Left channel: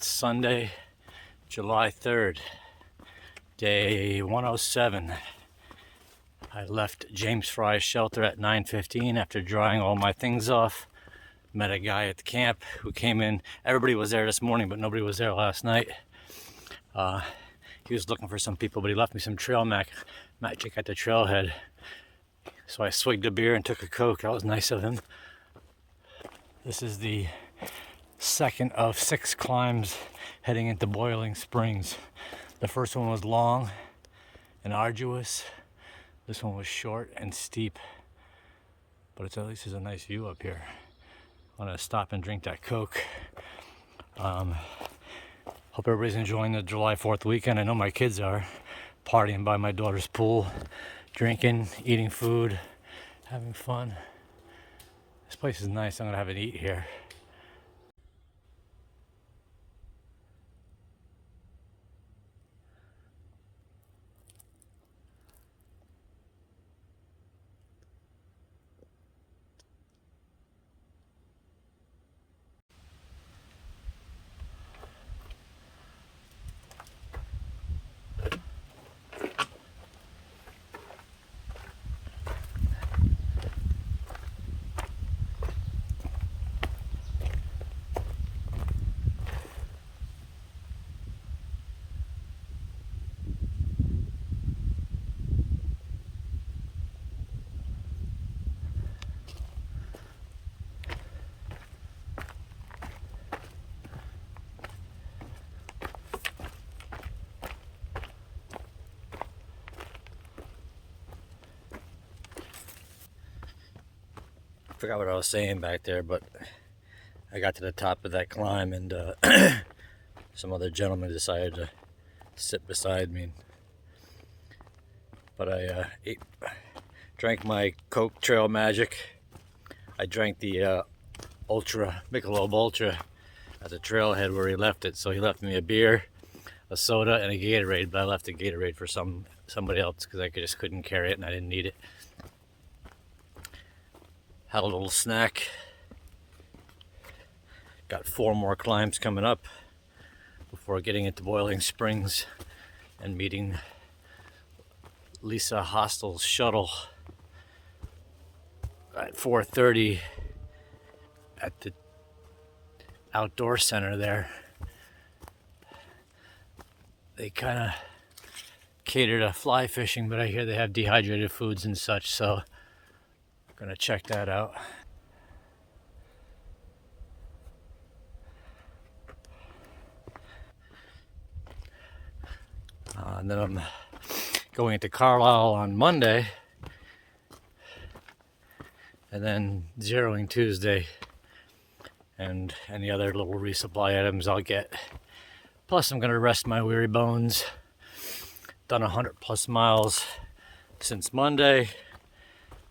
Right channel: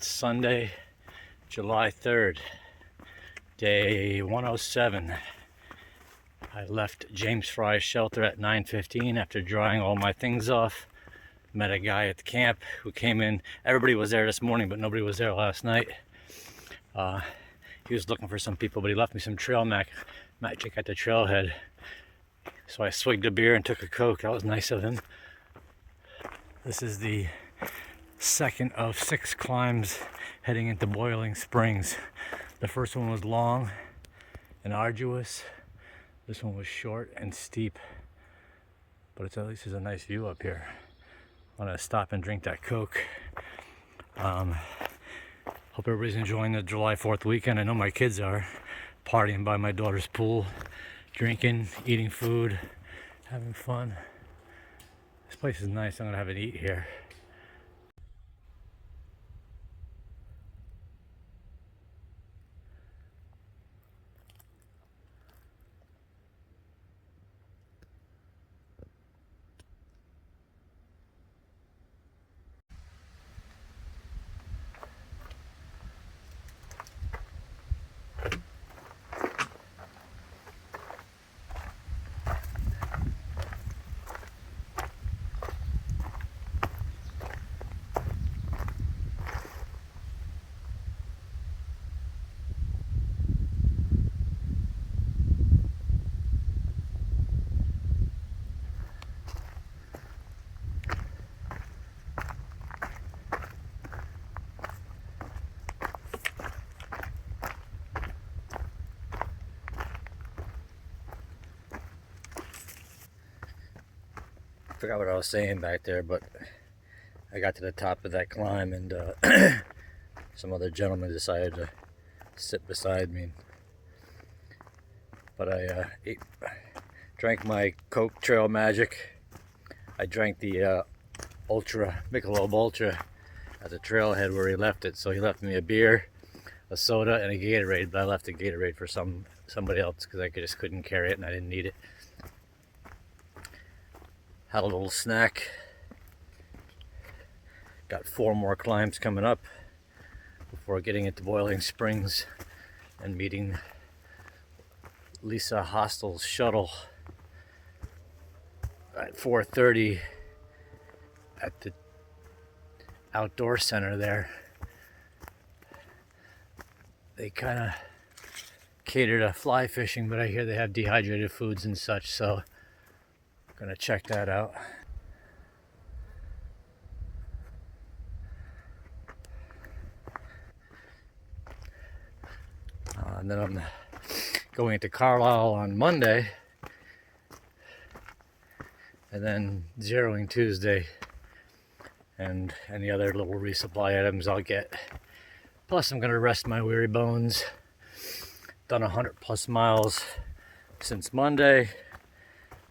It's Sunday, July 3rd, day 107. I left James Fry's shelter at 9:15 after drying all my things off. Met a guy at the camp who came in. Everybody was there this morning, but nobody was there last night. He was looking for some people, but he left me some trail magic at the trailhead. So I swigged a beer and took a Coke. That was nice of him. This is the second of 6 climbs heading into Boiling Springs. The first one was long and arduous. This one was short and steep, but at least there's a nice view up here. I'm gonna stop and drink that Coke. Hope everybody's enjoying the July 4th weekend. I know my kids are partying by my daughter's pool, drinking, eating food, having fun. This place is nice. I'm gonna have an eat here. Forgot what I was saying back there, but I got to the top of that climb and some other gentleman decided to sit beside me. But I drank my Coke Trail Magic. I drank the Michelob Ultra at the trailhead where he left it. So he left me a beer, a soda, and a Gatorade, but I left the Gatorade for somebody else because I just couldn't carry it and I didn't need it. Had a little snack. Got 4 more climbs coming up before getting into Boiling Springs and meeting Lisa Hostel's shuttle at 4:30 at the outdoor center there. They kind of cater to fly fishing, but I hear they have dehydrated foods and such, so gonna check that out. And then I'm going to Carlisle on Monday, and then zeroing Tuesday, and any other little resupply items I'll get. Plus, I'm gonna rest my weary bones. Done 100+ miles since Monday.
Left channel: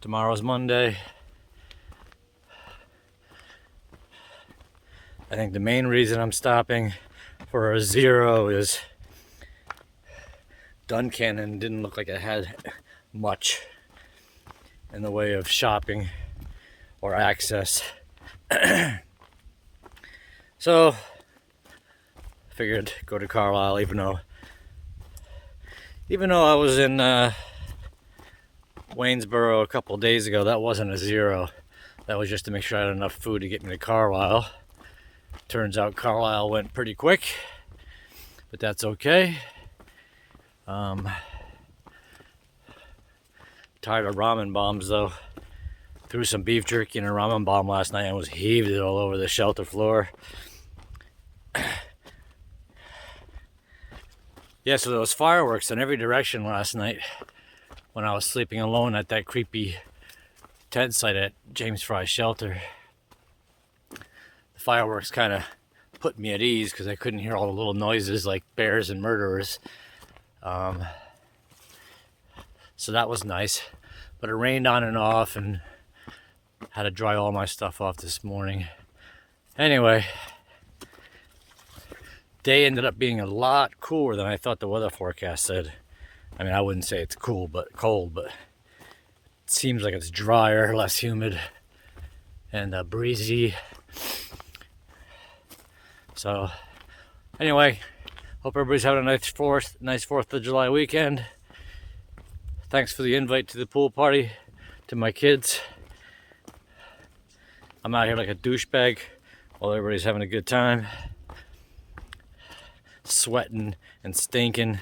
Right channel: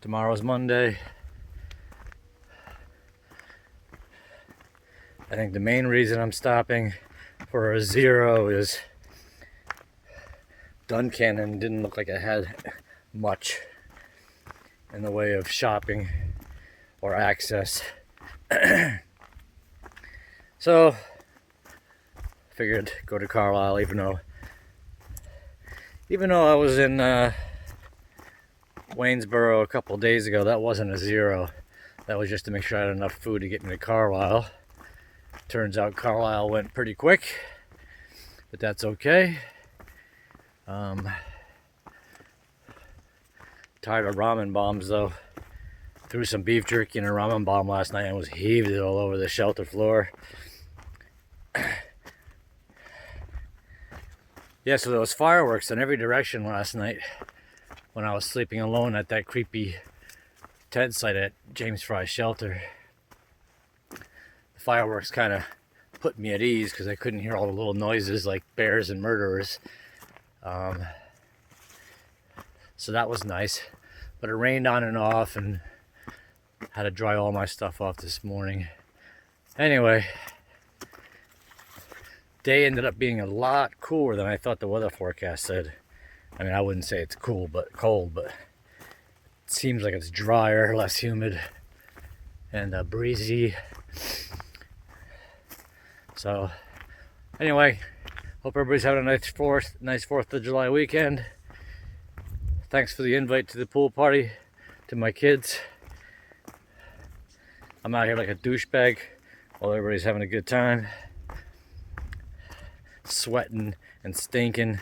Tomorrow's Monday. I think the main reason I'm stopping for a zero is Duncannon didn't look like it had much in the way of shopping or access. So figured go to Carlisle, even though I was in Waynesboro a couple days ago. That wasn't a zero. That was just to make sure I had enough food to get me to Carlisle. Turns out Carlisle went pretty quick, but that's okay. Tired of ramen bombs though. Threw some beef jerky in a ramen bomb last night and was heaved it all over the shelter floor. Yeah, so there was fireworks in every direction last night when I was sleeping alone at that creepy tent site at James Fry's shelter. The fireworks kind of put me at ease because I couldn't hear all the little noises like bears and murderers. So that was nice, but it rained on and off and had to dry all my stuff off this morning. Anyway, day ended up being a lot cooler than I thought the weather forecast said. I mean, I wouldn't say it's cool, but cold, but it seems like it's drier, less humid, and breezy. So Anyway, hope everybody's having a nice 4th of July weekend. Thanks for the invite to the pool party to my kids. I'm out here like a douchebag while everybody's having a good time. Sweating and stinking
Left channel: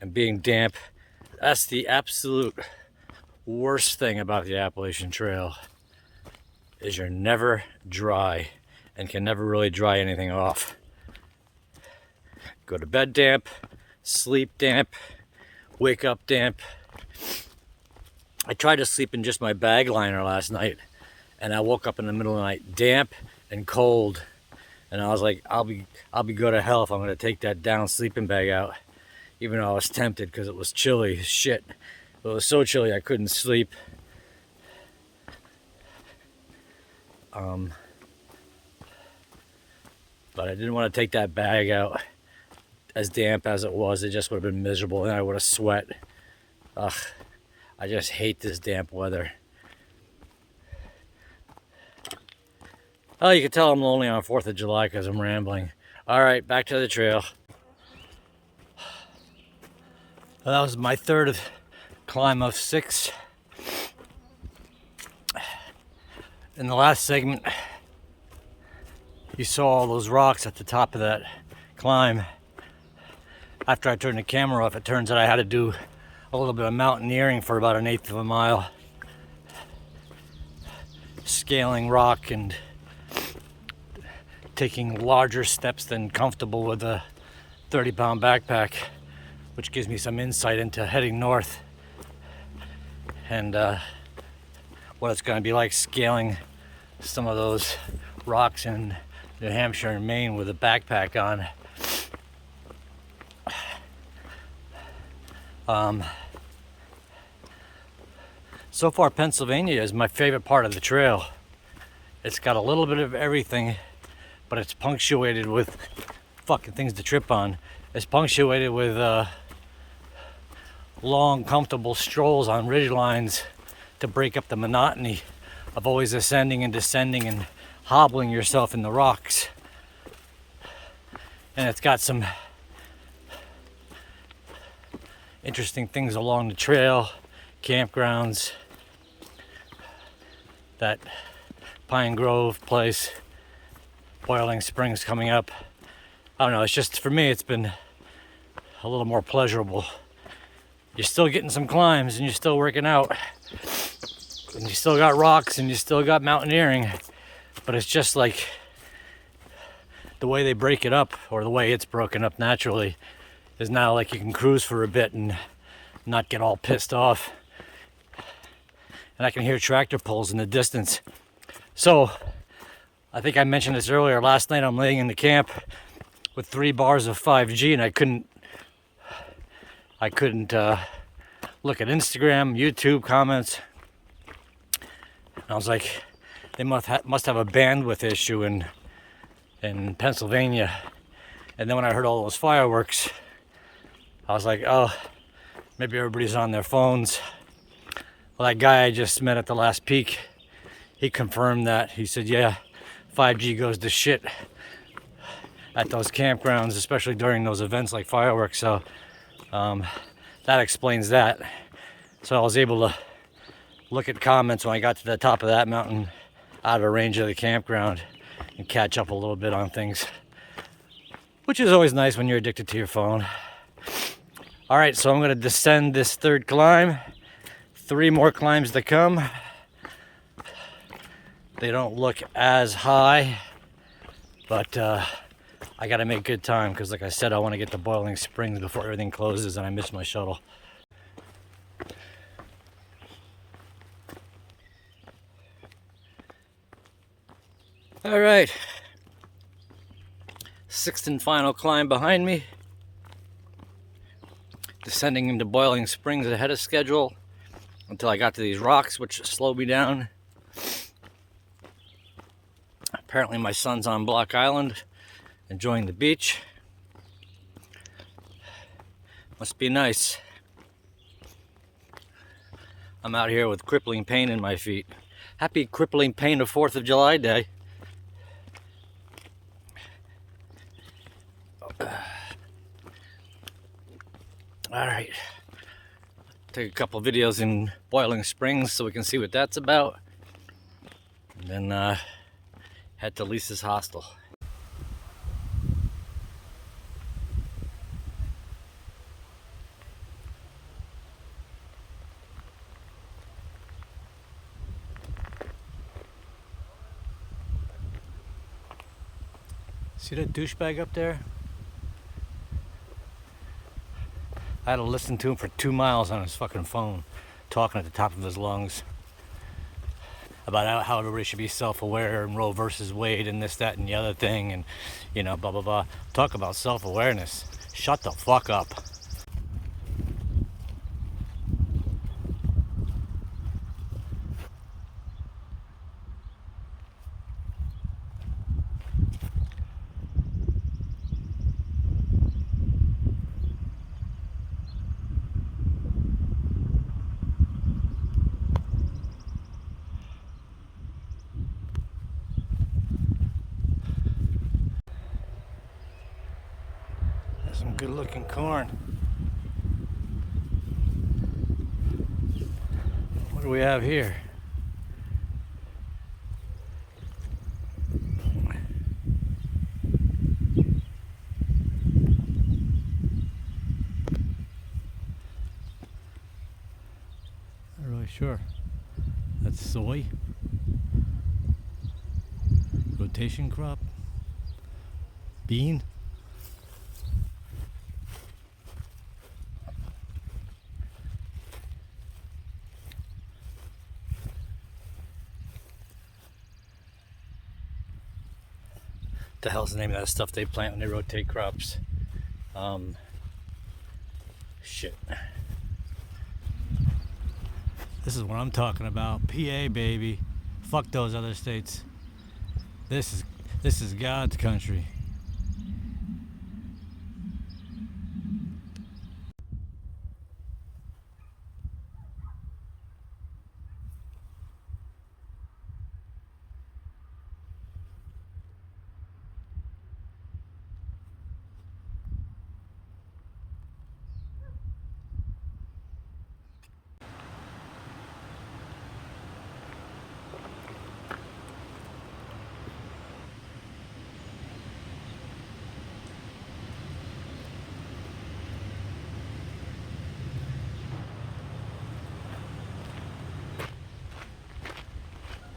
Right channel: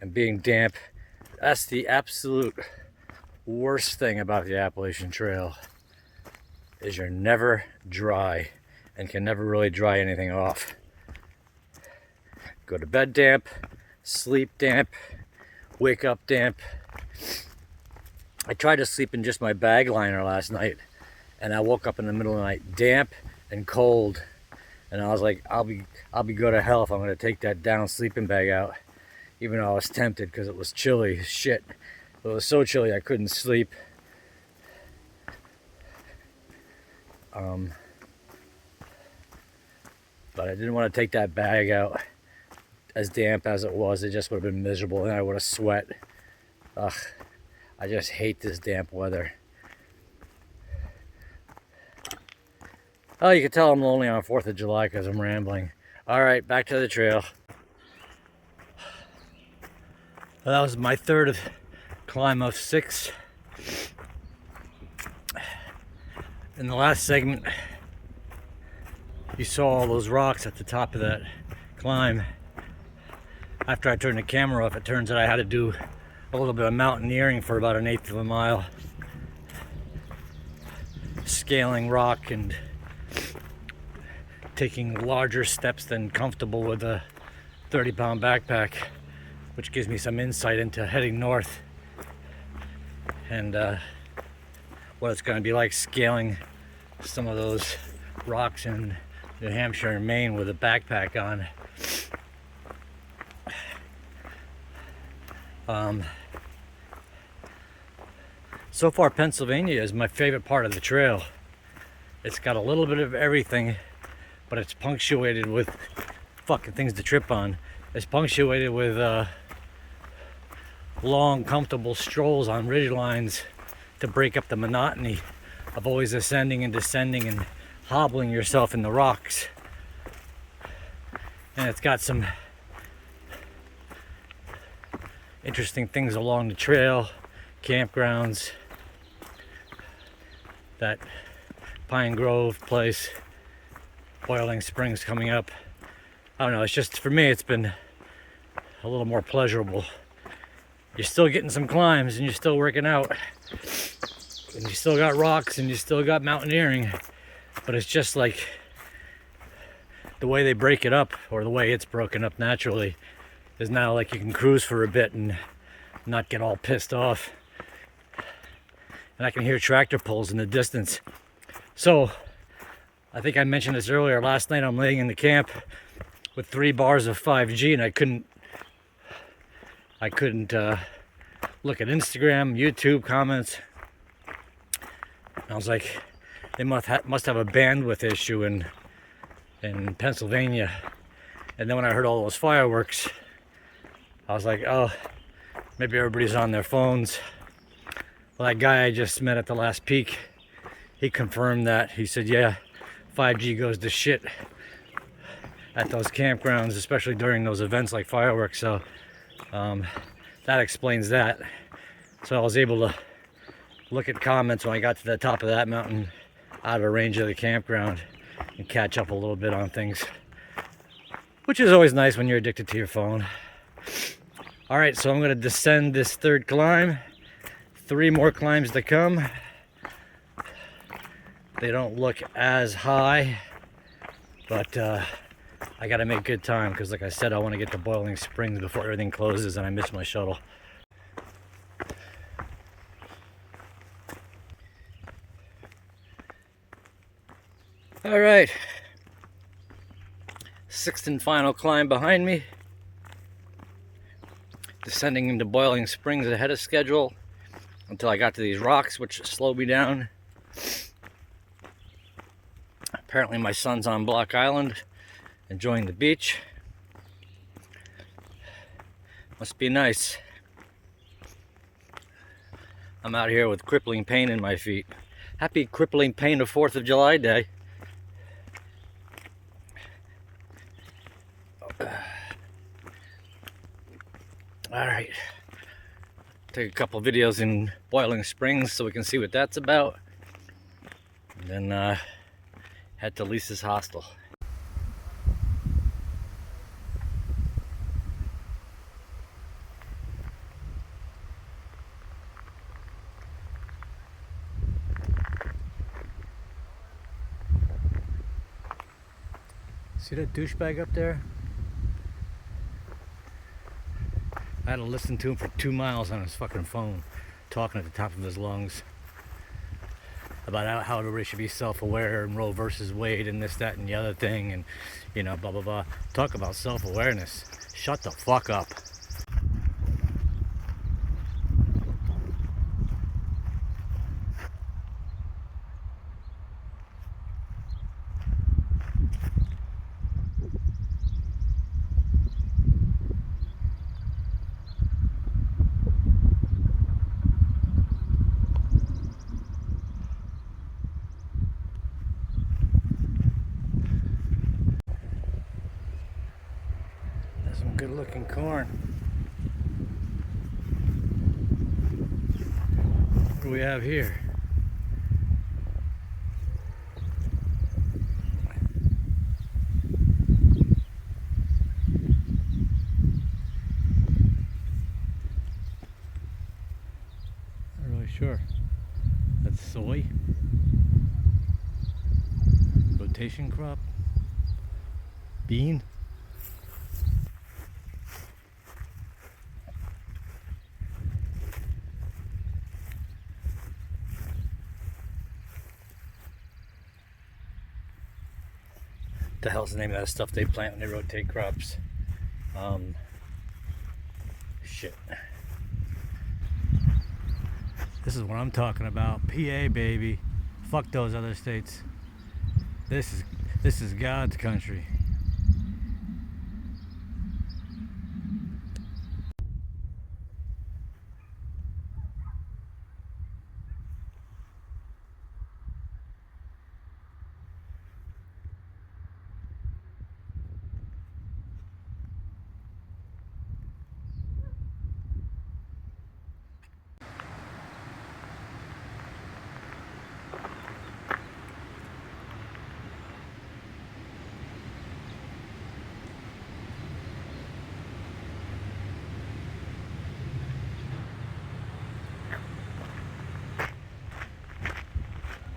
and being damp. That's the absolute worst thing about the Appalachian Trail, is you're never dry and can never really dry anything off. Go to bed damp, sleep damp, wake up damp. I tried to sleep in just my bag liner last night, and I woke up in the middle of the night damp and cold, and I was like, I'll be go to hell if I'm gonna take that down sleeping bag out, even though I was tempted because it was chilly as shit. It was so chilly I couldn't sleep. But I didn't want to take that bag out as damp as it was. It just would have been miserable and I would have sweat. Ugh, I just hate this damp weather. Oh, you can tell I'm lonely on 4th of July because I'm rambling. All right, back to the trail. Well, that was my 3rd climb of 6. In the last segment, you saw all those rocks at the top of that climb. After I turned the camera off, it turns out I had to do a little bit of mountaineering for about 1/8 of a mile. Scaling rock and taking larger steps than comfortable with a 30-pound backpack, which gives me some insight into heading north and what it's going to be like scaling some of those rocks in New Hampshire and Maine with a backpack on. So far, Pennsylvania is my favorite part of the trail. It's got a little bit of everything, but it's punctuated with fucking things to trip on. It's punctuated with long, comfortable strolls on ridge lines to break up the monotony of always ascending and descending and hobbling yourself in the rocks. And it's got some interesting things along the trail, campgrounds, that Pine Grove place, Boiling Springs coming up. I don't know, it's just, for me, it's been a little more pleasurable. You're still getting some climbs and you're still working out. And you still got rocks and you still got mountaineering. But it's just like the way they break it up, or the way it's broken up naturally, is now like you can cruise for a bit and not get all pissed off. And I can hear tractor pulls in the distance. So, I think I mentioned this earlier, last night I'm laying in the camp with 3 bars of 5G and I couldn't look at Instagram, YouTube comments. And I was like, they must have a bandwidth issue in Pennsylvania. And then when I heard all those fireworks, I was like, oh, maybe everybody's on their phones. Well, that guy I just met at the last peak, he confirmed that. He said, yeah, 5G goes to shit at those campgrounds, especially during those events like fireworks. So that explains that. So I was able to look at comments when I got to the top of that mountain, out of range of the campground, and catch up a little bit on things, which is always nice when you're addicted to your phone. All right, so I'm going to descend this 3rd climb. 3 more climbs to come. They don't look as high, but I got to make good time because, like I said, I want to get to Boiling Springs before everything closes and I miss my shuttle. All right, 6th and final climb behind me. Descending into Boiling Springs ahead of schedule until I got to these rocks, which slowed me down. Apparently my son's on Block Island, enjoying the beach. Must be nice. I'm out here with crippling pain in my feet. Happy crippling pain of 4th of July day. Alright. Take a couple videos in Boiling Springs so we can see what that's about. And then head to Lisa's Hostel. See that douchebag up there? I had to listen to him for 2 miles on his fucking phone, talking at the top of his lungs about how everybody should be self-aware and Roe versus Wade and this, that, and the other thing, and you know, blah blah blah. Talk about self-awareness. Shut the fuck up. There's some good looking corn. What do we have here? Not really sure. That's soy. Rotation crop. Bean. The hell's the name of that stuff they plant when they rotate crops? Shit. This is what I'm talking about. PA, baby. Fuck those other states. This is God's country.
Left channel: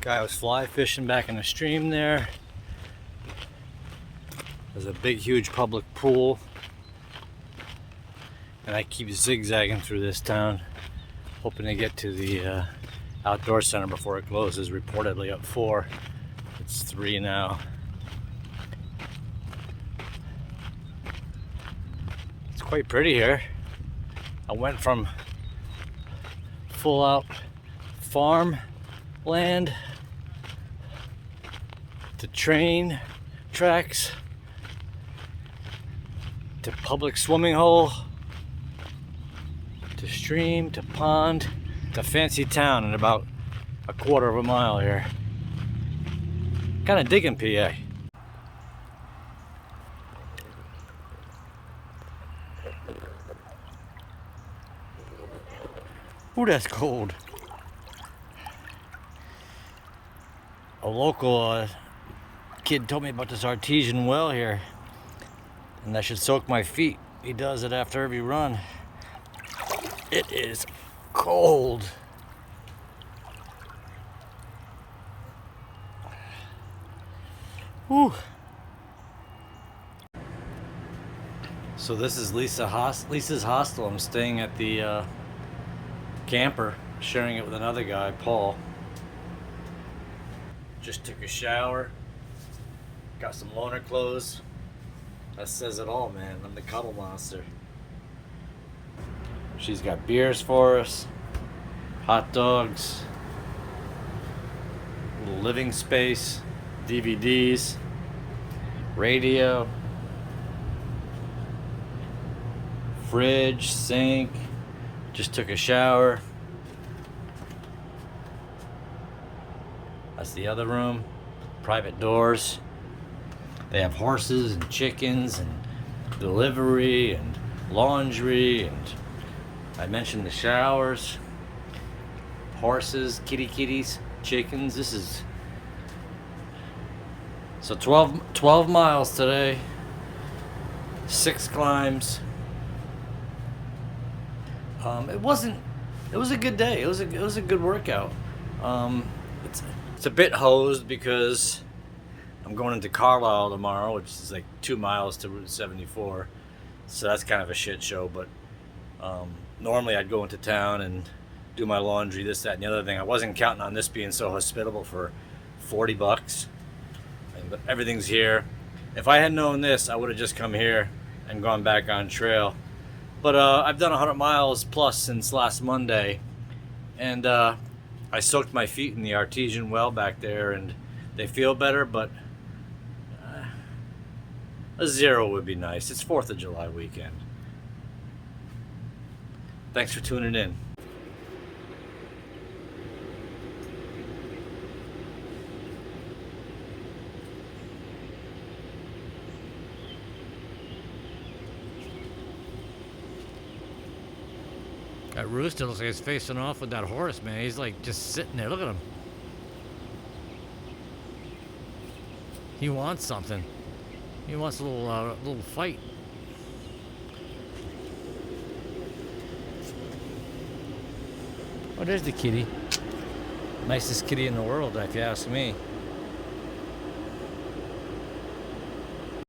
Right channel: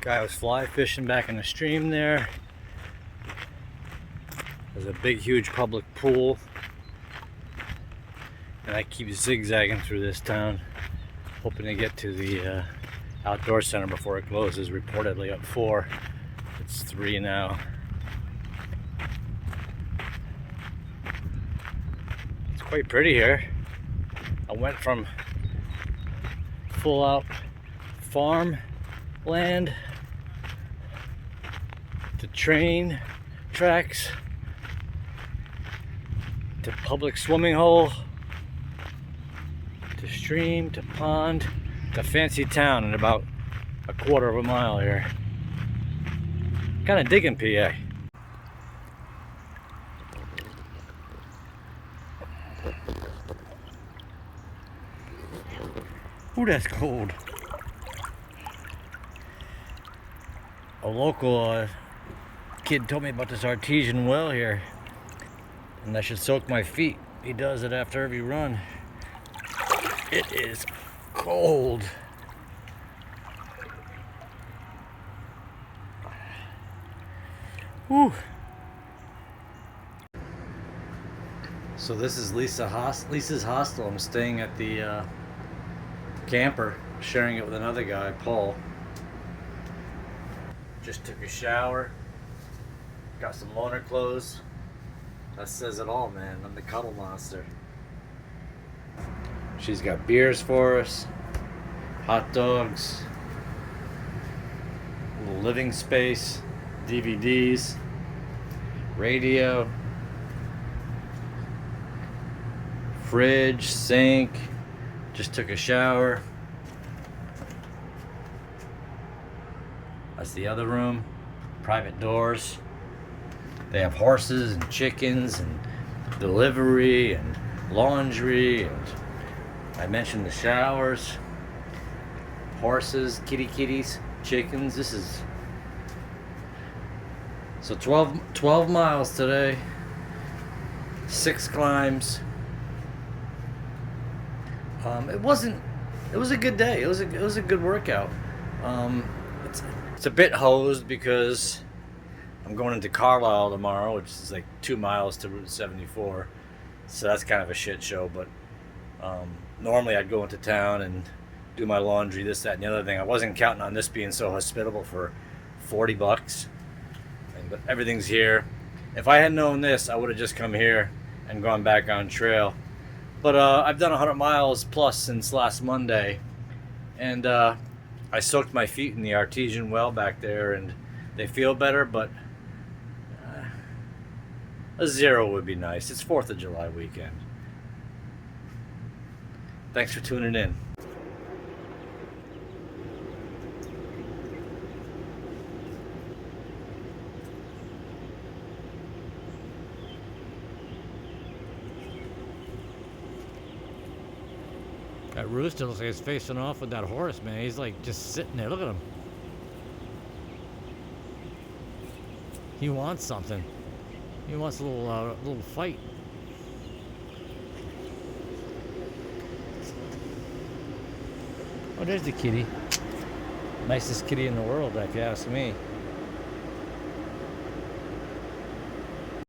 Guy was fly fishing back in the stream there. There's a big, huge public pool. And I keep zigzagging through this town, hoping to get to the outdoor center before it closes, reportedly at 4. It's 3 now. It's quite pretty here. I went from full out farm land to train tracks to public swimming hole to stream to pond to fancy town in about a quarter of a mile here. Kind of digging PA. Ooh, that's cold. A local kid told me about this artesian well here, and I should soak my feet. He does it after every run. It is cold. Whew. So this is Lisa's Hostel. I'm staying at the camper, sharing it with another guy, Paul. Just took a shower. Got some loaner clothes. That says it all, man. I'm the cuddle monster. She's got beers for us, hot dogs, a little living space, DVDs, radio, fridge, sink. Just took a shower. That's the other room. Private doors. They have horses and chickens and delivery and laundry, and I mentioned the showers, horses, kitties, chickens. This is so 12 miles today, 6 climbs. It was a good day. It was a good workout. It's a bit hosed because I'm going into Carlisle tomorrow, which is like 2 miles to Route 74. So that's kind of a shit show. But normally I'd go into town and do my laundry, this, that, and the other thing. I wasn't counting on this being so hospitable for $40. But everything's here. If I had known this, I would have just come here and gone back on trail. But I've done 100 miles plus since last Monday, and I soaked my feet in the artesian well back there, and they feel better, but a 0 would be nice. It's 4th of July weekend. Thanks for tuning in. That rooster looks like he's facing off with that horse, man. He's like just sitting there. Look at him. He wants something. He wants a little fight. Oh, there's the kitty. Nicest kitty in the world, if you ask me.